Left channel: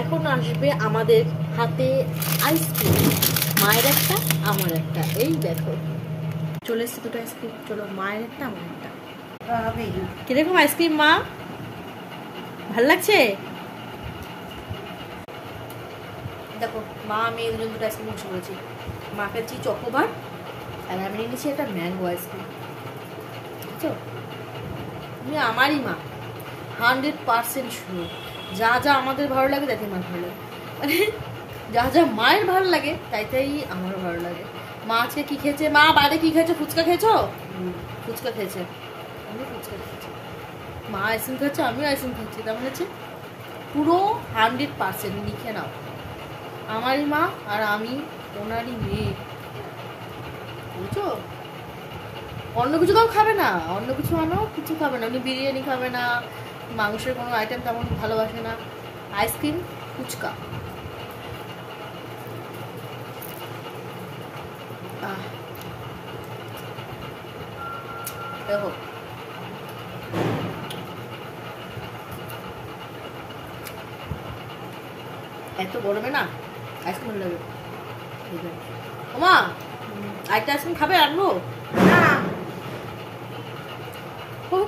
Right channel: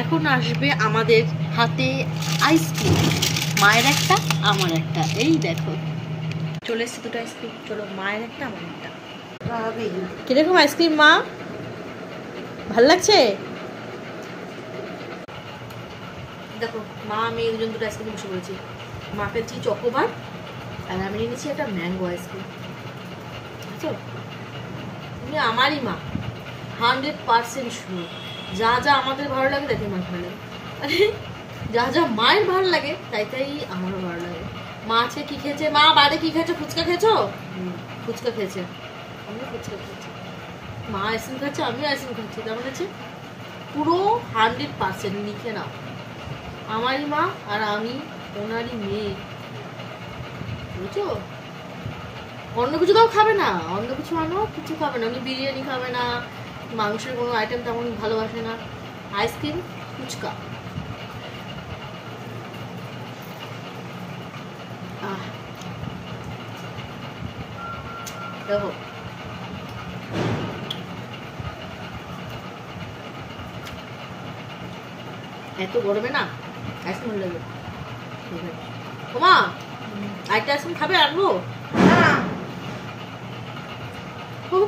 এখন আসবে আমাদের হাতে আইসক্রিম, মায়ের একটা আমার একটা। এই দেখো চলে এসছে দুটো আইসক্রিম। চলো, মায়ের একটা আমার একটা। কিরকম আইসক্রিম মা, ভাল লাগছে? দেখো মা আমি এই দুজন দুটো আইসক্রিম বসে করেছি। মা খেয়েছি চকোবার আর আমি নিয়েছি একটা ম্যাঙ্গো আইসক্রিম। বুঝছো, তুমি আমারই মা, 100% শিওর। যা যা আমাদের ভালো লাগে তাই মার ভালো লাগে, মানে যা যা মায়ের ভালো লাগে তাই তাই আমারও ভালো লাগে। মা আজকে কি খেয়েছে? মা বাইরে কি খেয়েছে? ফুচকা খেয়েছো? ফুচকা খেয়েছে, আমি ফুচকা খেয়েছি। মা আইসক্রিম খেয়েছে, আমিও আইসক্রিম খেয়েছি। কেমন আছে? পুরো 100% লিখে নাও, আমারই মা আর আমি ওনারই মেয়ে। বুঝছো? অন্য কিছু কাউ খাবে না, অন্য কিছু আনো, কিছু খাবে না। উনি বিরিয়ানি খাবে না, মাংসের কোনো আইটেম তেমন ভালোবাসে না, আইসক্রিম ফুচকা। দেখো এত গরমে না আইসক্রিম ভালো লাগে। ওমা আরেকটা আইসক্রিম খাবে? আনবো?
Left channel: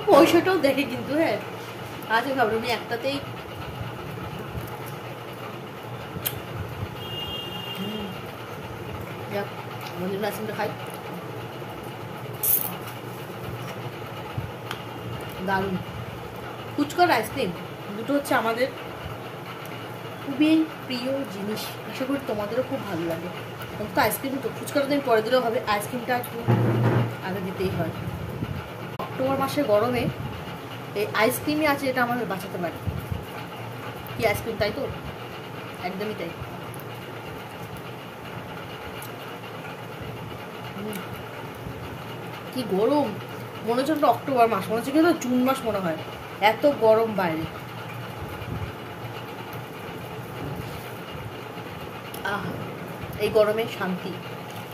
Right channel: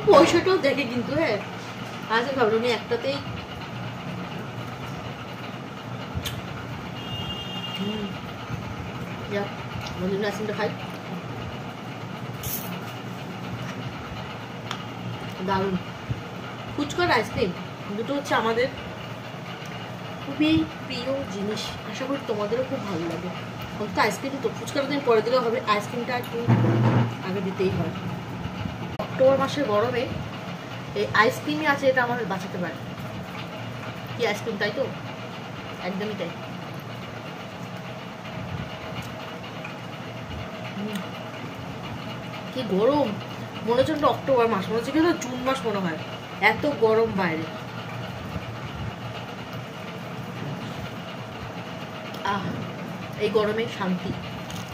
পয়সাটাও দেখে কিন্তু। হ্যাঁ আজকে খাবো, উনি একটাতেই আমার জন্য আইসক্রিমটা খাই। দারুণ ফুচকার আইসক্রিম দুটো হচ্ছে আমাদের খুবই প্রিয় জিনিস। আশা করি তোমাদেরও খুব ভালো লাগে। অন্তত আইসক্রিম তো, ফুচকাটা তুমি পরে দিলেও হবে, আইসক্রিমটা একটু আগে দিতেই হয়। অক্টোবর মাসের গরমে এই আইসক্রিমই আছে, এটা আমাদের বাঁচাতে পারে। কি আইসক্রিম, তাই তো? একদমই তাই। কি গরম, মনে হচ্ছে অক্টোবর মাস, মনে হচ্ছে কি জুন মাস মনে হয়, এত গরম বাইরে। এই গরমে শান্তি।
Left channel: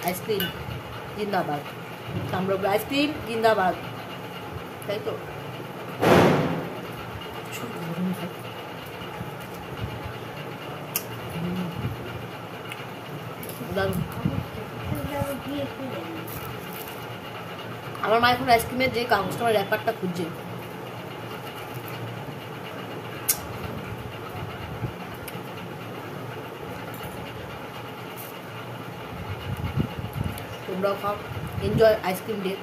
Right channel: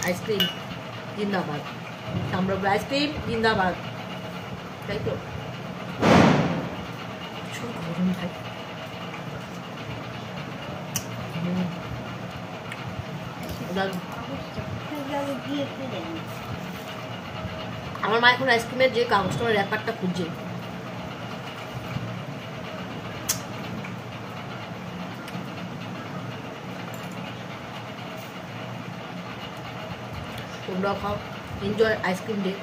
আইসক্রিম জিন্দাবাদ, সাম্রাজ্য আইসক্রিম জিন্দাবাদ, তাই তো? প্রচুর গরম ভাই। আমার মা এখন আইসক্রিমের যে কাগজটা র্যাপারটা খুঁজছে। তোমরাও খাও, এনজয় আইসক্রিম ডে।